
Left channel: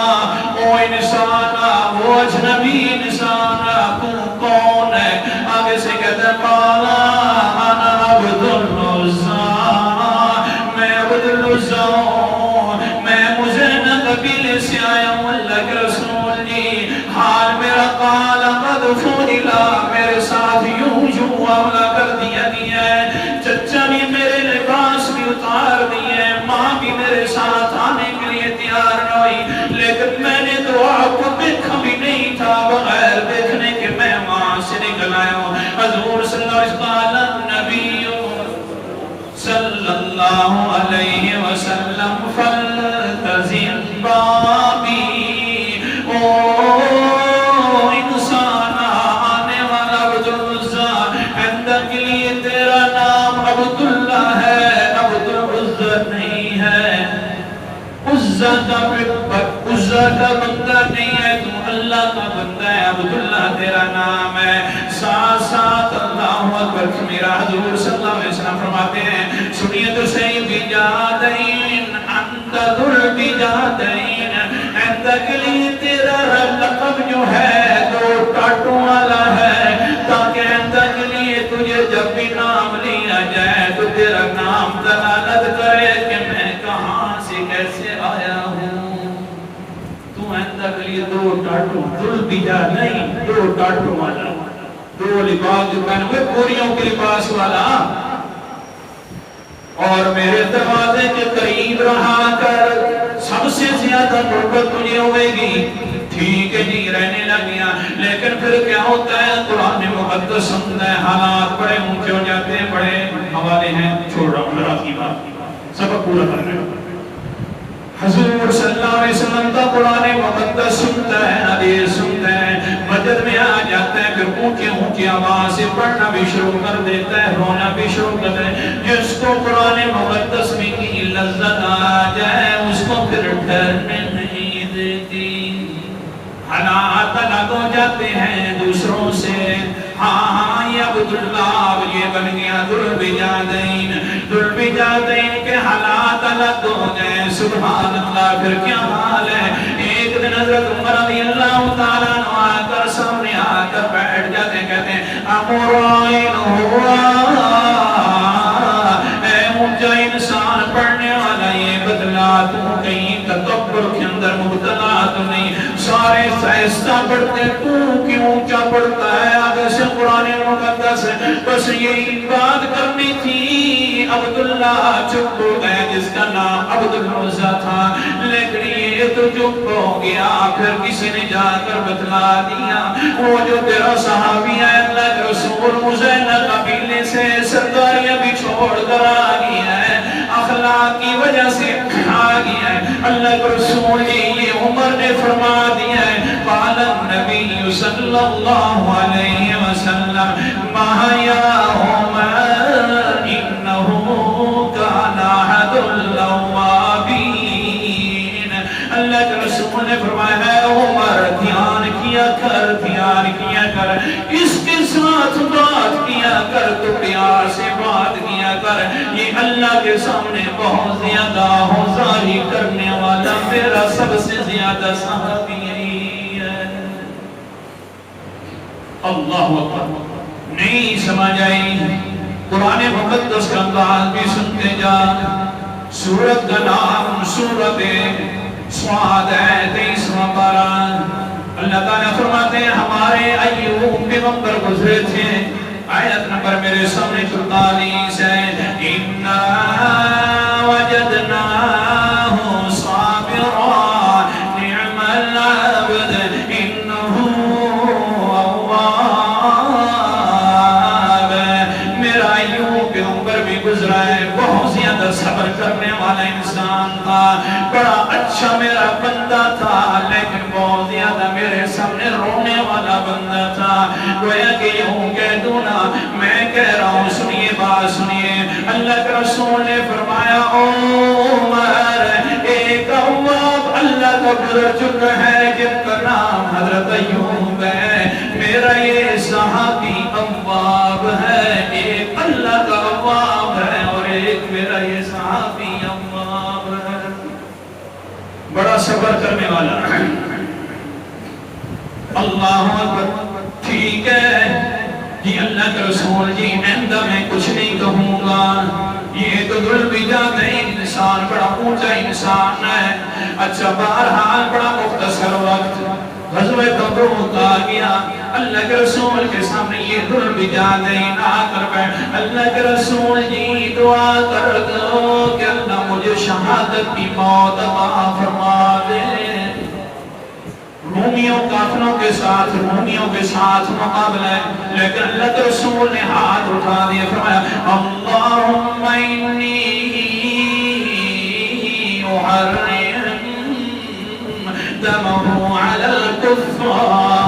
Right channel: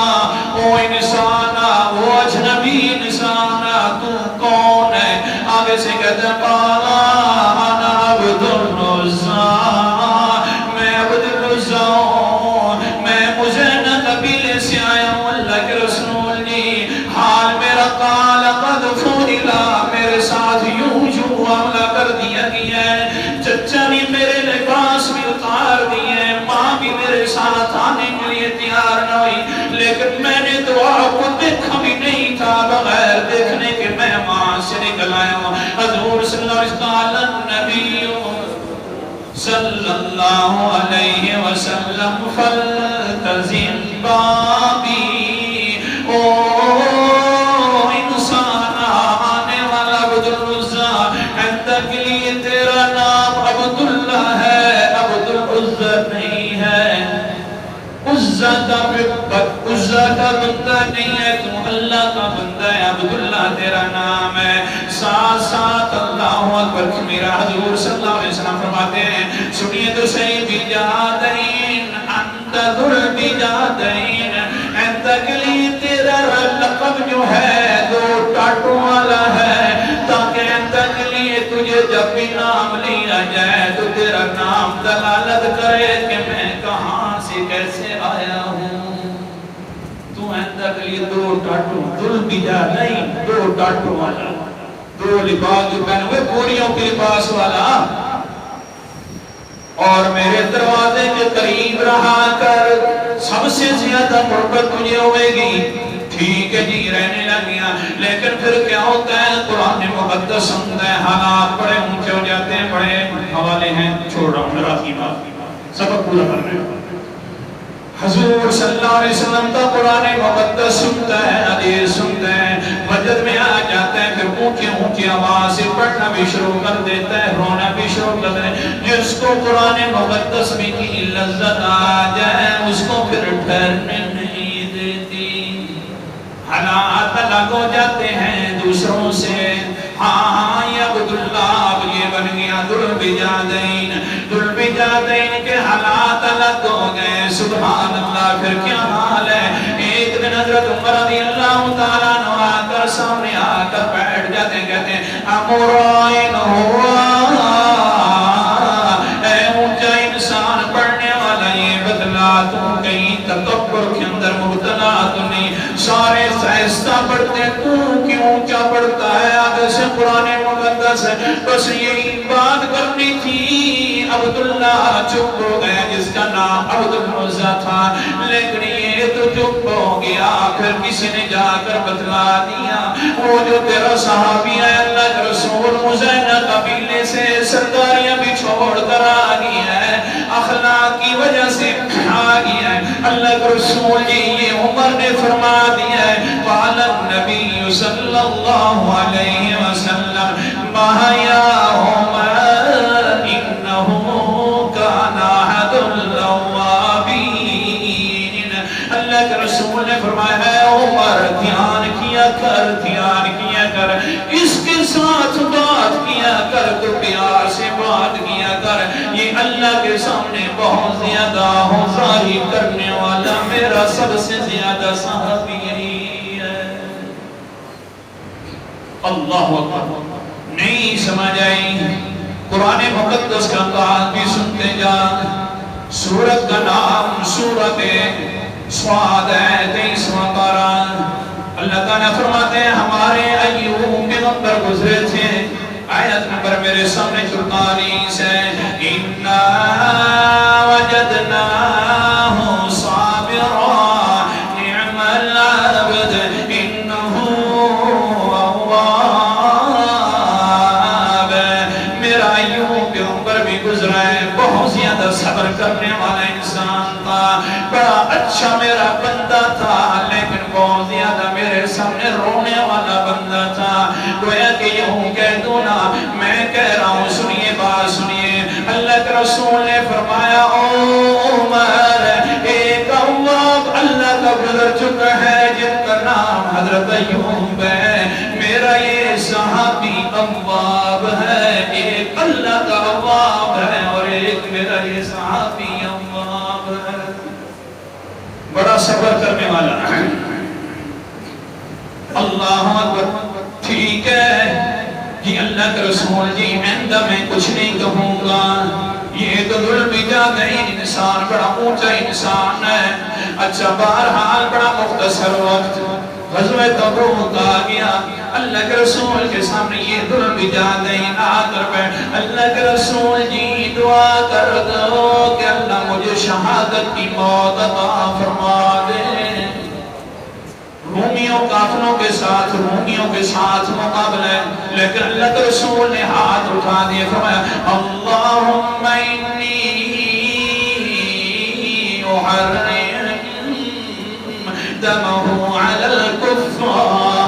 وہ انسان، وہ اجنبی انسان، تو کون ہے؟ آگے سے کہتا انا عبد العزہ، میں عبد العزہ ہوں، میں مزینہ قبیلے سے آیا ہوں. اللہ کے رسول نے حال میرا قال قد فضلا، میرے ساتھ یوں یوں معاملہ کر دیا گیا ہے. چچا نے میرے لباس بھی اتار دیے، ماں بھی میرے ساتھ آنے کے لیے تیار نہ ہوئی، لیکن میں نے تو آپ کو دیکھا بھی نہیں تھا، بغیر دیکھنے کے میں ماں سے نکل آیا ہوں. حضور صلی اللہ علیہ وسلم نبی صلی اللہ علیہ وسلم فلتزم بابی، او انسان آنے والا عبد العزہ، عندہ کے لیے تیرا نام عبداللہ ہے، عبد العزہ نہیں ہے. عزہ کا بندہ نہیں ہے، تم اللہ کا بندہ ہے، عبداللہ تیرا نام ہے. ساتھ ساتھ اللہ اکبر میرا حضور صلی اللہ علیہ وسلم فرماتے ہیں سنیے تو صحیح بجادین انت ذل بجادین، انت کے لیے تیرا لقب جو ہے 2 ٹاٹوں والا ہے، تاکہ انت کے لیے تجھے جب بھی نام لیا جائے تو تیرا نام دلالت کرے کہ میں کہاں سے کیسے آیا ہوں. تو انت کے لیے 2 ٹاٹوں، ذل بجادین 2 ٹاٹوں والا، 2 لباس جو پہنے ہوئے پوریوں کے لباس والا، اور میرے دروازے کے قریب رہا کر سب سے زیادہ محبت تجھے ہوئے گی. ٹھیک ہے جی رہنے لگیا، لیکن پھر کیا ہوتا ہے قرآن مقدس سنتا ہے حالات بڑے اونچے ہو جاتے ہیں. بڑے حوالے ہیں، چھوڑ رہا ہوں رات کی بات، سبق پورا کرنا ہے. حضور صلی اللہ علیہ وسلم کا قرآن مقدس سنتا ہے، حدیث سنتا ہے، مسجد میں آ جاتا ہے، پھر اونچی اونچی آواز سے پڑھنا بھی شروع کر دیتا ہے، رونا بھی شروع کر دیتا ہے. جس کو قرآن مقدس میں کی لذت آ جائے اس کو پھر ٹھہرنے نہیں دیتی. حالات الگ ہو جاتے ہیں دوسروں سے. ہاں یہ عبداللہ اب یہ بن گیا ذل بجادین، ذوالبجادین کے حالات الگ ہو گئے، سبحان اللہ، پھر کیا حال ہے؟ ایک دن حضرت عمر رضی اللہ تعالیٰ عنہ آ کر سامنے آ کر بیٹھ جاتے ہیں، کہتے ہیں امرائن ہوا، اے مجھا انسان پڑھنے والا یہ بدلا، تو کہیں تکبر کے اندر مبتلا تو نہیں، سارے سہستہ پڑھتے ہیں، تو کیوں اونچا پڑھتا ہے؟ آگے سے قرآن مقدس ہے، بس یہی بات کرنی تھی۔ عبداللہ چپ ہو گئے، جس کا نام عبد العزہ تھا، لیکن یہ تو چپ ہو گیا۔ پھر کسی نے جا کر بتلا دیا، وہ جو تیرا صحابی ہے اللہ کے رسول مزینہ قبیلے سے سرداریاں بھی چھوڑ کر آ گیا ہے، اخلاق کی وجہ سے آ گیا ہے۔ اللہ کے رسول یہ عمر نے فرما دیا ہے، قال النبی صلی اللہ علیہ وسلم ما یا عمر انہو کان احد الاوابین۔ اللہ کے رسول نے فرمایا ہے عمر دھیان کیا کر، اس کے ساتھ بات کیا کر، تو پیار سے بات کیا کر، یہ اللہ کے سامنے بہت زیادہ ہوزاری کرنے والا میرا سب سے زیادہ صحابی یہی ہے۔ اللہ اکبر، نہیں سمجھ آئی؟ قرآن مقدس کا انداز بھی سنتے جان۔ سورت کا نام سورت صاد ہے، 23واں پارہ۔ اللہ تعالیٰ فرماتے ہیں ہمارے ایوب پیغمبر گزرے تھے، آیت نمبر میرے سامنے 44 ہے، اِنَّا وَجَدْنَاهُ صَابِرًا نِعْمَ الْعَبْدُ إِنَّهُ أَوَّابٌ۔ میرا ایوب پیغمبر بھی گزرا ہے، بہت زیادہ صبر کرنے والا انسان تھا، بڑا اچھا میرا بندہ تھا، لیکن بہت زیادہ میرے سامنے رونے والا بندہ تھا۔ گویا کہ یوں کہہ دوں نا، میں کہہ رہا ہوں، سنیے بات سنیے۔ اللہ کے رسول نے فرمایا عمر ایک اواب اللہ کا گزر چکا ہے جن کا نام حضرت ایوب ہے، میرا یہ صحابی اواب ہے، ایک اللہ کا اواب ہے اور ایک میرا یہ صحابی اواب ہے، بڑا صبر کرنے والا ہے۔ اللہ اکبر، ٹھیک ہے جی اللہ کے رسول جی، آئندہ میں کچھ نہیں کہوں گا، یہ تو ذوالبجادین انسان بڑا اونچا انسان ہے۔ اچھا بہرحال بڑا مختصر وقت غزوہ تبوک آ گیا، اللہ کے رسول کے سامنے یہ ذوالبجادین آ کر بیٹھ، اللہ کے رسول جی دعا کر دو کہ اللہ مجھے شہادت کی موت عطا فرما دے۔ رومیوں کافروں کے ساتھ مقابلہ ہے، لیکن اللہ کے رسول نے ہاتھ اٹھا دیا، فرمایا اللہم انی احرم دمہ علی الکفار،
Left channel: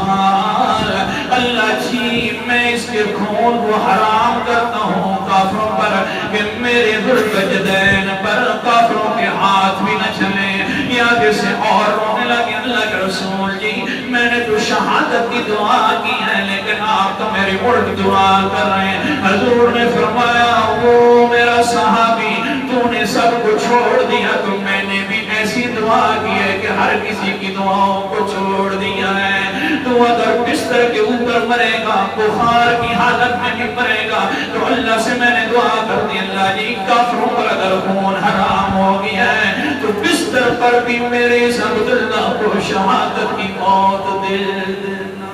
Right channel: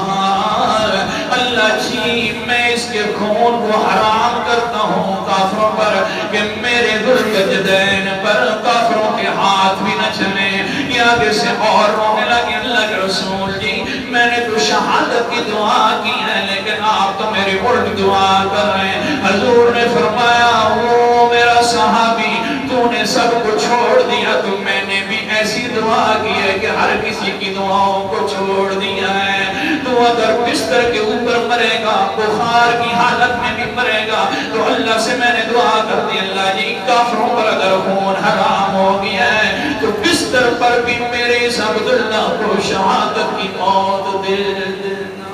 اللہ جی میں اس کے خون کو حرام کرتا ہوں کافروں پر، کہ میرے ذوالبجادین پر کافروں کے ہاتھ بھی نہ چلے۔ یاد سے اور رونے لگے، اللہ کے رسول جی میں نے تو شہادت کی دعا کی ہے، لیکن آپ تو میری الٹ دعا کر رہے ہیں۔ حضور نے فرمایا وہ میرا صحابی، تو نے سب کو چھوڑ دیا، تو میں نے بھی ایسی دعا کی ہے کہ ہر کسی کی دعاؤں کو چھوڑ دیا ہے۔ تو اگر بستر کے اوپر مرے گا، بخار کی حالت میں بھی مرے گا، تو اللہ سے میں نے دعا کر دی اللہ جی کافروں پر اگر خون حرام ہو گیا ہے تو بستر پر بھی میرے عبداللہ کو شہادت کی موت دے دینا۔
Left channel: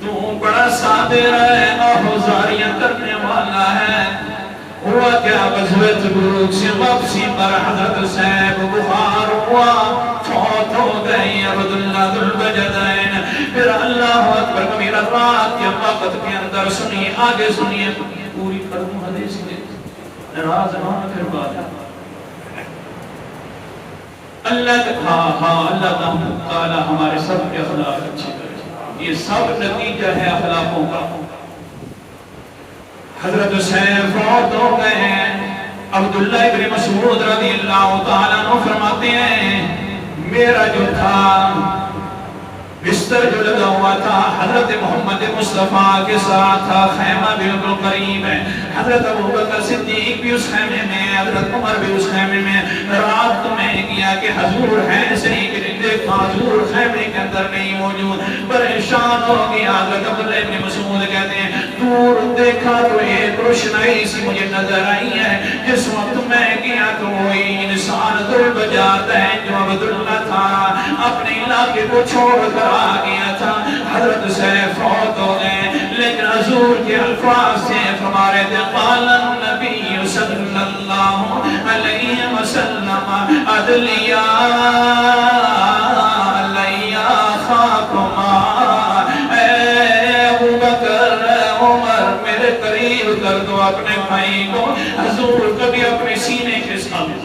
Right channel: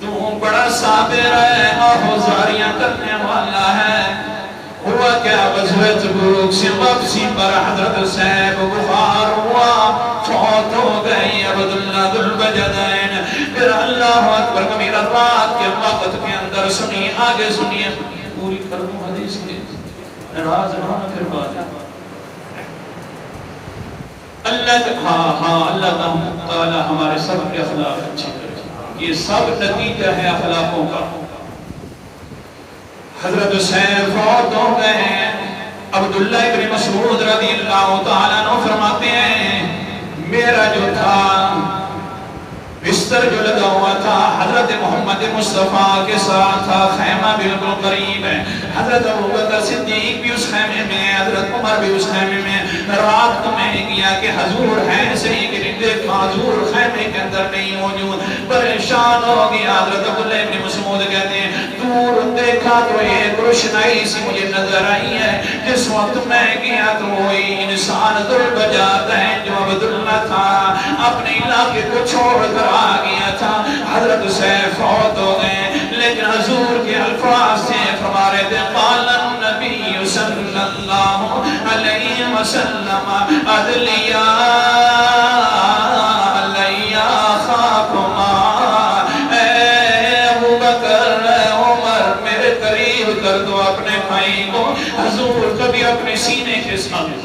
تو بڑا صابر ہے، آہوزاریاں کرنے والا ہے۔ ہوا کیا غزوہ تبوک سے واپسی پر حضرت صاحب بخار ہوا، فوت ہو گئی عبداللہ ذوالبجادین۔ پھر اللہ اکبر کبیرہ رات کے وقت کے اندر سنیے، آگے سنیے، پوری کروں حدیث کے راز رہا پھر بات اللہ تعالی ہمارے سب کے اخلاق اچھے کرے، یہ سب نتیجہ ہے اخلاقوں کا۔ حضرت حسین فوت ہو گئے ہیں، عبداللہ ابن مسعود رضی اللہ تعالیٰ عنہ فرماتے ہیں میرا جو تھا بستر جو لگا ہوا تھا حضرت محمد مصطفیٰ کے ساتھ تھا، خیمہ بالکل قریب ہے، حضرت ابوبکر صدیق بھی اس خیمے میں، حضرت عمر بھی اس خیمے میں، رات تو میں کیا کہ حضور ہے صحیح کہ دیکھا حضور خیمے کے اندر نہیں موجود، پریشان ہو گیا۔ حضرت عبداللہ ابن مسعود کہتے ہیں دور دیکھا تو ایک روشنائی سی مجھے نظر آئی ہے، جس وقت میں کیا کوئی انسان دل بجاتا ہے جو عبداللہ تھا، اپنے علاقے کو چھوڑ کر آ گیا تھا، حضرت سے فوت ہو گئے، لیکن حضور کے الفاظ سے فرما رہے تھے قال النبی صلی اللہ علیہ وسلم ادلیا لیا خاکما، اے ابو بکر عمر میرے قریب کر دو اپنے بھائی کو۔ حضور کبھی اپنے سینے کے ساتھ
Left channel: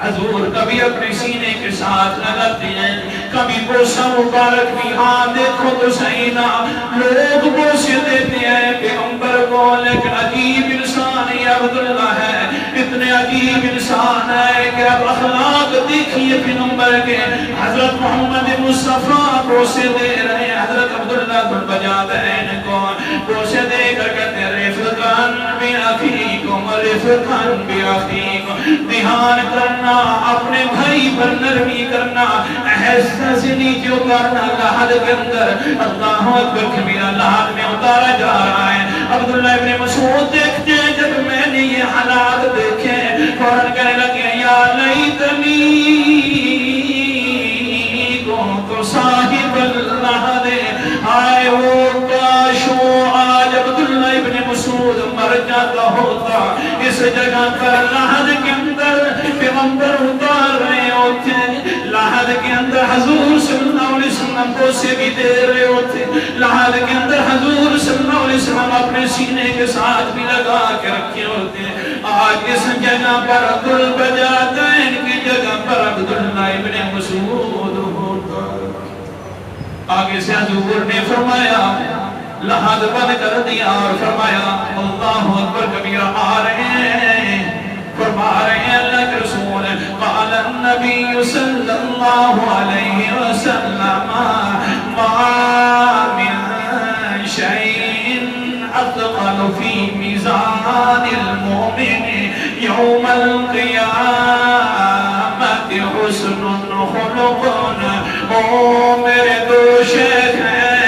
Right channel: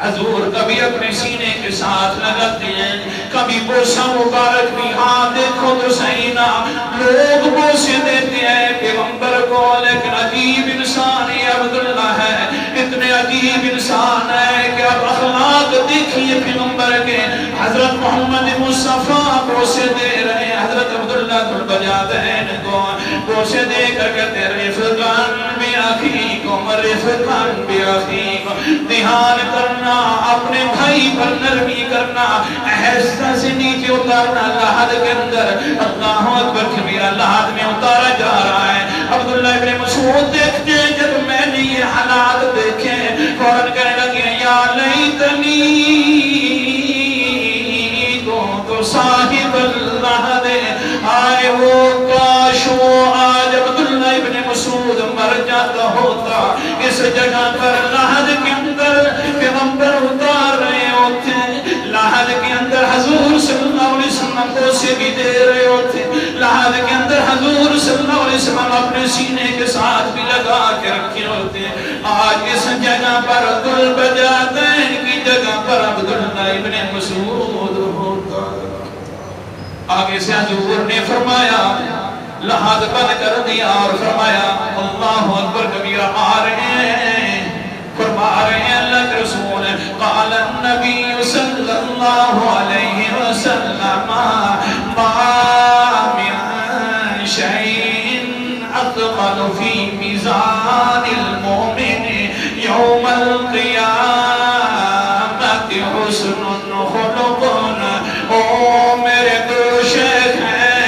حضور کبھی اپنے سینے کے ساتھ لگاتے ہیں، کبھی بوسہ مبارک بھی، ہاں دیکھو تو صحیح نا، لوگ بوسے دیتے ہیں پیغمبر کو، لیکن عجیب انسان یہ عبداللہ ہے، اتنے عجیب انسان ہے کہ اب اخلاق دیکھئے پیغمبر کے، حضرت محمد مصطفیٰ بوسے دے رہے ہیں، حضرت عبداللہ کو بجاتے ہیں ان کو بوسے دے کر کہتے ہیں رفقان بی اخیکم رفقان بی اخیکم، دھیان کرنا اپنے بھائی پر نرمی کرنا، احساس سے نیچے اتارنا، لحد کے اندر اللہ اکبر کبیرہ لحد میں اتارا جا رہا ہے۔ عبداللہ ابن مسعود دیکھتے ہیں جب میں نے یہ حالات دیکھے فوراً کہنے لگے یا لیتنی کنت صاحب اللحد، آئے وہ کاش وہ آج عبداللہ ابن مسعود مر جاتا ہوتا اس جگہ پر لحد کے اندر پیغمبر اتار رہے ہوتے، لحد کے اندر حضور صلی اللہ علیہ وسلم کو سے بھی دے رہے ہوتے، لحد کے اندر حضور صلی اللہ علیہ وسلم اپنے سینے کے ساتھ بھی لگا کے رکھے ہوتے، آج اس جگہ پر دل بجاتین کی جگہ پر عبداللہ ابن مسعود ہوتا۔ آگے سے حضور نے فرمایا لحد بند کر دیا اور فرمایا اللہ اکبر کبیرہ آ رہے ہیں، فرما رہے ہیں اللہ کے رسول قال النبی صلی اللہ علیہ وسلم ما من شیء اثقل فی میزان المؤمن یوم القیامت حسن خلق۔ او میرے دو شیخ ہیں،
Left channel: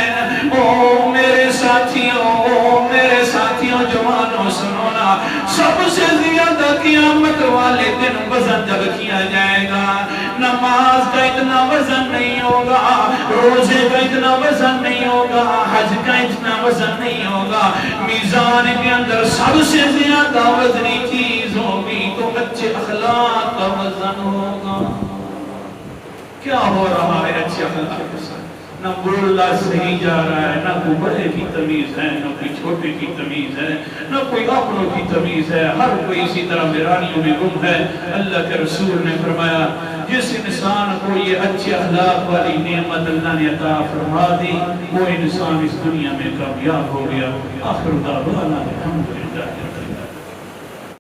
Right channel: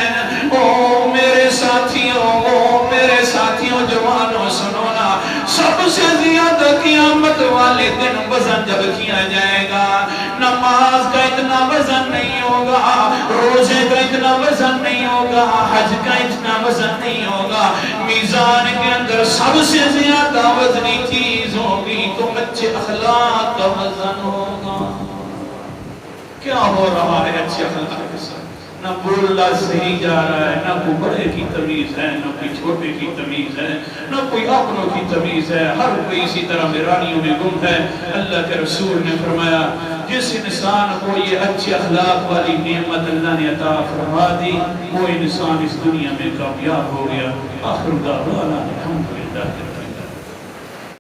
او میرے ساتھیوں جوانوں سنونا، سب سے زیادہ قیامت والے دن وزن جب کیا جائے گا، نماز کا اتنا وزن نہیں ہوگا، روزے کا اتنا وزن نہیں ہوگا، حج کا اتنا وزن نہیں ہوگا، میزان کے اندر سب سے زیادہ وزنی چیز ہوگی تو اچھے اخلاق کا وزن ہوگا۔ کیا ہو رہا ہے اچھے اخلاق کے ساتھ؟ نہ بولنا صحیح جا رہا ہے، نہ کوئی بڑے کی تمیز ہے، نہ کوئی چھوٹے کی تمیز ہے، نہ کوئی اپنوں کی تمیز ہے، ہر کوئی اسی طرح ویرانیوں میں گم ہے۔ اللہ کے رسول نے فرمایا جس انسان کو یہ اچھے اخلاق والی نعمت اللہ نے عطا فرما دی وہ انسان اس دنیا میں کامیاب ہو گیا۔ آخر دعوانا الحمدللہ۔